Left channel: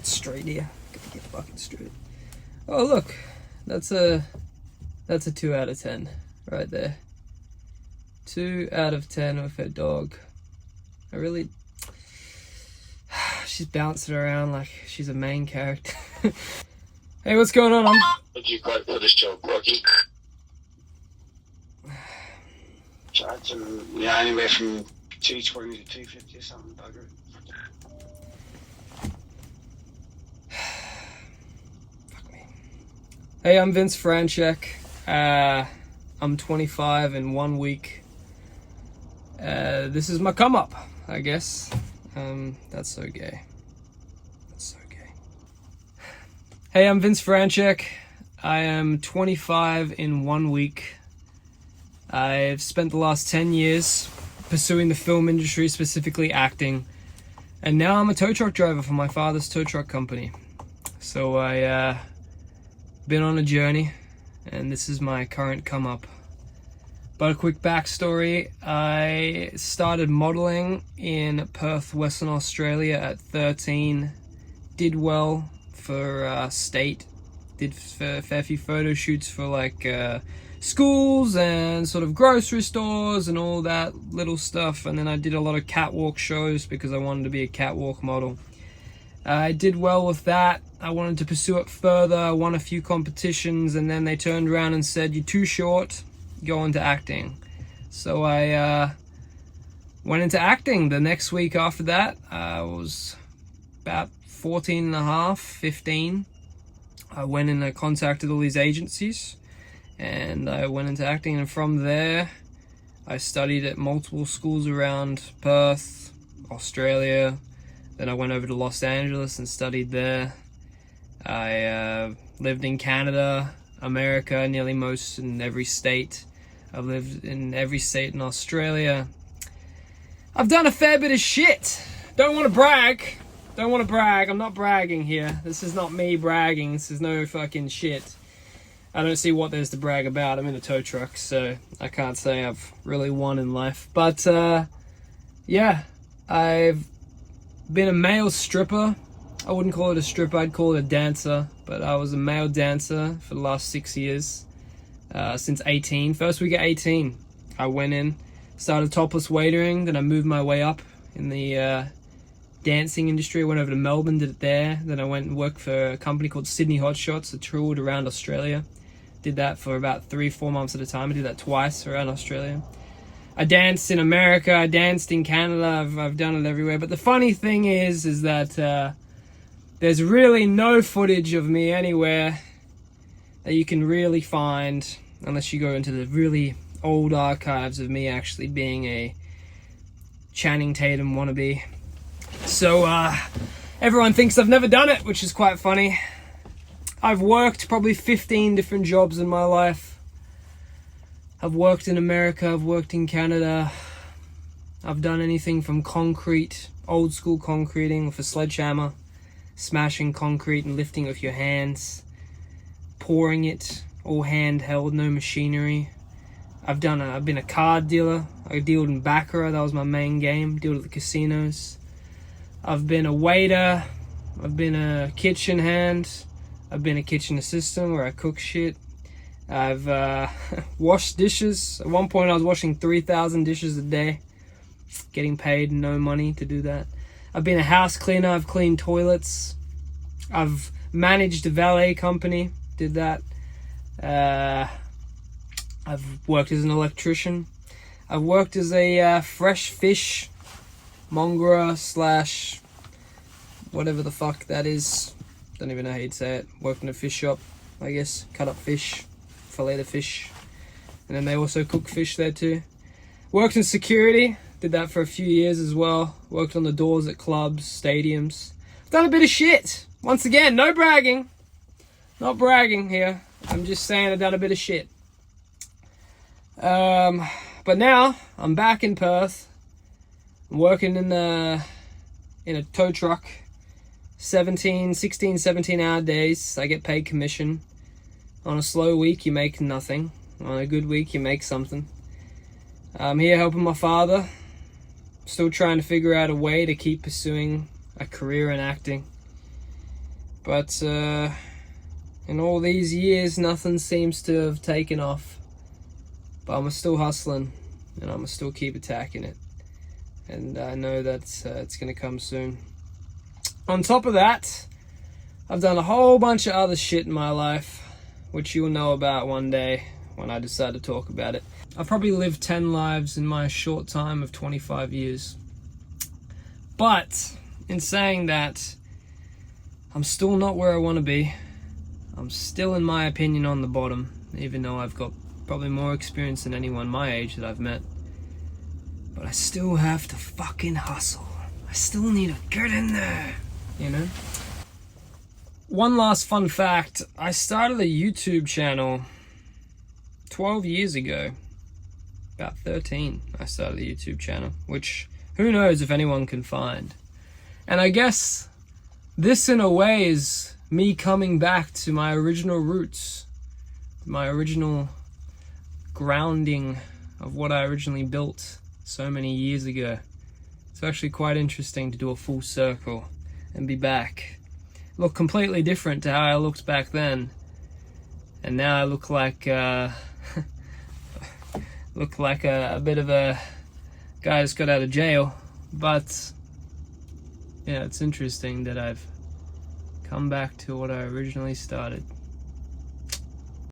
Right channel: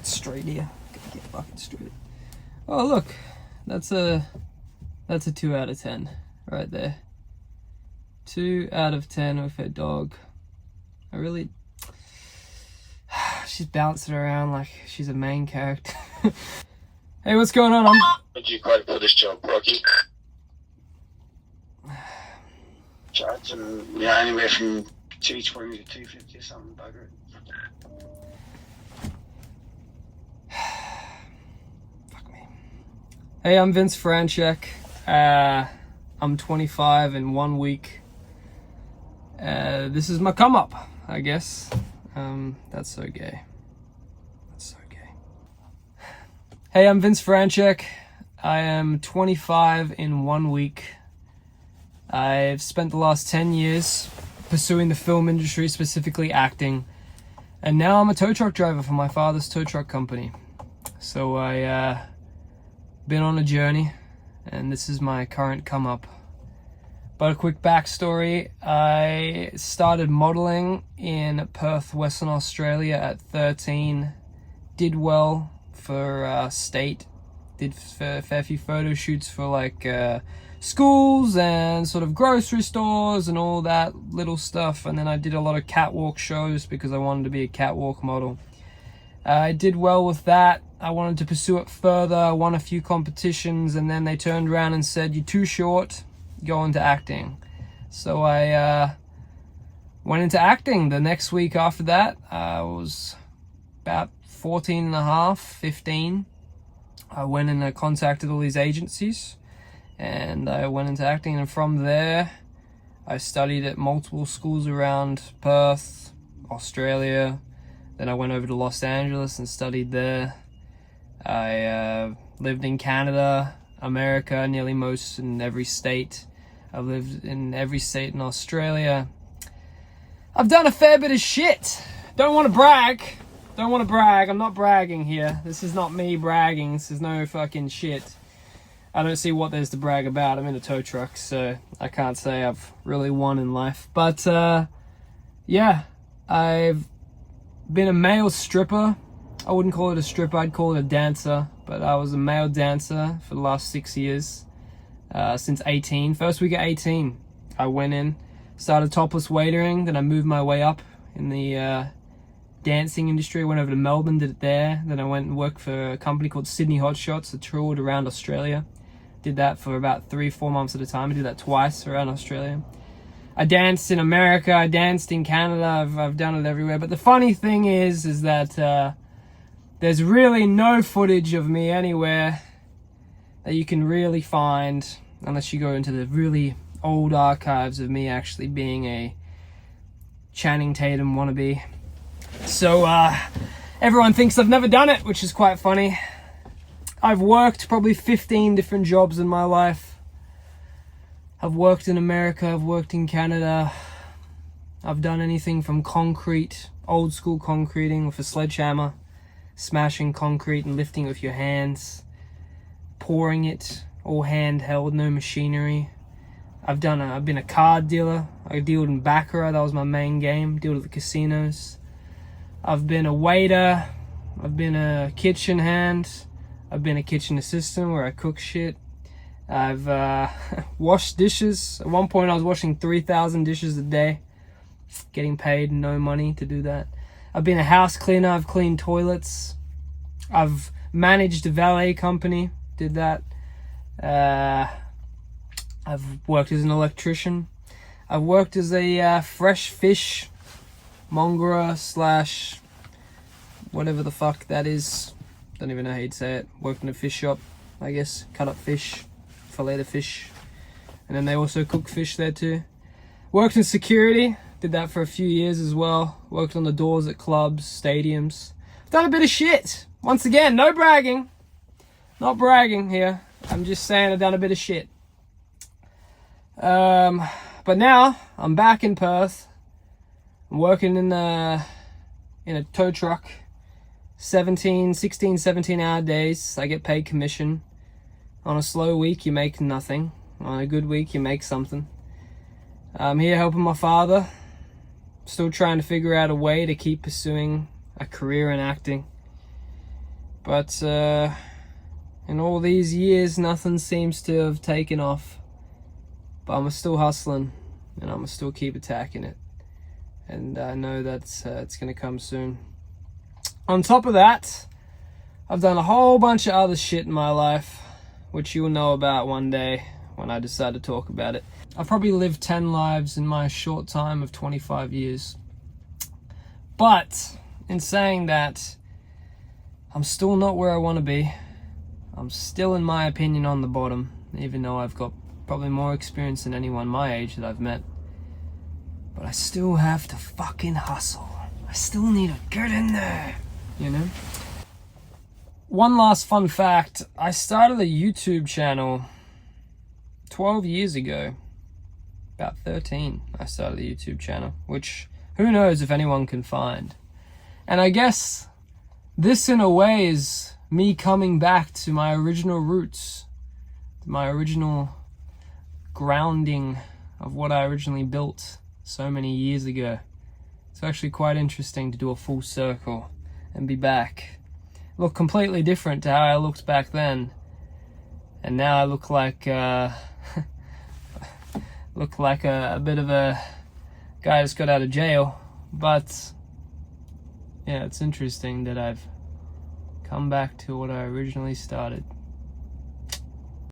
fucking straight here. Gotta get fucking straight. Oh look, that's a 2 out of 10 right there. 2 out of 10 with her dog. I really, she's bouncing around like she's a main character. Hey, what's going on? Would you quote for this job, Rocky? Charging, yeah, anywhere from 220 to 250 or something, bugger it. Fuck me. Hey, I'm Vince Franchek. I'm 25 in 1 week. This is my come up, I guess. That's so gay. That's so gay. Hey, I'm Vince Franchek. I am 25 in 1 week. I've spent the last 10 years pursuing the film industry, specifically acting. And now I'm a tow truck driver for my father's tow truck company. So I been on a journey, and this is my current come up. But a quick backstory, I started modeling in Perth, Western Australia at 13. Did well for state. Did a fair few photo shoots for like schools and sort of grocery stores and all that little stuff. And then I did a lot of catwalk shows because I wanted to be a catwalk model. I did well with that. I wanted to pursue it further. I won a few competitions, and then they turned around and said, "You're too short, go into acting." So I went into acting. The next week after that, I was about 14 and a half, 15. I went and I contacted all these agencies, and I went into acting. And from there, I studied at multiple schools around Perth, Australia. Then I went over to Los Angeles and studied there. I lived in Canada, America, nearly most in every state. I've lived in every state in Australia. I've done a fair bit of shit. Don't want to brag. Don't want to brag. I'm not bragging here. This is not me bragging. This is no fucking shit. I don't see what there's to brag about. I'm in a tow truck, so I can't say I've really won in life. But yeah, I've been a male stripper. I wouldn't call it a stripper, I'd call it a dancer. But I was a male dancer for the last 6 years, since 18. First week at 18, I went in, started topless waitering, then I moved my way up in the dancing industry. I went over to Melbourne, did it there. Then I went and worked for a company called Sydney Hot Shots that toured around Australia. Did that for about 3-4 months at a time. I did that twice around Australia. I danced in America, I danced in Canada, I've done it everywhere. But the funny thing is that there's really no footage of me anywhere that you can really find, unless you go into the really old archives of me actually being a Channing Tatum wannabe. So everyone thinks I've never done it, which is quite funny. I've worked probably 15 different jobs in my life. I've worked in America, I've worked in Canada. I've done anything from concrete, old school concreting with a sledgehammer, smashing concrete and lifting with your hands, pouring it, all handheld, no machinery. I've been a card dealer. I dealed in Baccarat, that was my main game, dealed at the casinos. I've been a waiter, I've been a kitchen hand, I've been a kitchen assistant where I cook shit. I've washed dishes. At one point I was washing 3,000 dishes a day, getting paid no money to do that. I've been a house cleaner, I've cleaned toilets. I've managed a valet company, did that. I've worked as an electrician. I've worked as a fresh fish mongerer slash whatever the fuck that is. Don't even know how you'd say it. Worked in a fish shop, I guess. Cut up fish, fillet the fish. And then they also cook fish there too. Worked in security. Did that for a few years as well. Worked on the doors at clubs, stadiums. Done a bit of shit. Once again, no bragging. Not bragging here. I'm just saying I've done a bit of shit. But now I'm back in Perth. I'm working in a tow truck. 16, 17 hour days. I get paid commission. On a slow week, you make nothing. On a good week, you make something. I'm here helping my father. Still trying to figure out a way to keep pursuing a career in acting. But in all these years, nothing seems to have taken off. But I'm still hustling, and I'm still keep attacking it. And I know that it's going to come soon. On top of that, I've done a whole bunch of other shit in my life, which you'll know about one day when I decide to talk about it. I've probably lived 10 lives in my short time of 25 years. But in saying that, I'm still not where I want to be. I'm still, in my opinion, on the bottom, even though I've got probably more experience than anyone my age that I've met. But I still have to fucking hustle. I still need to get in there, you know? One last fun fact, I started a YouTube channel 12 years ago. About 13, I started a YouTube channel, which who knows if anyone can find. And I guess this in a way is me coming back to my original roots, my original grounding of what I originally built so many years ago. It's actually quite interesting to do a full circle and be back. Look completely different to how I looked back then, and now I look like a bit of a guy that's got out of jail. But yeah, it's interesting that I've come back to what I originally started.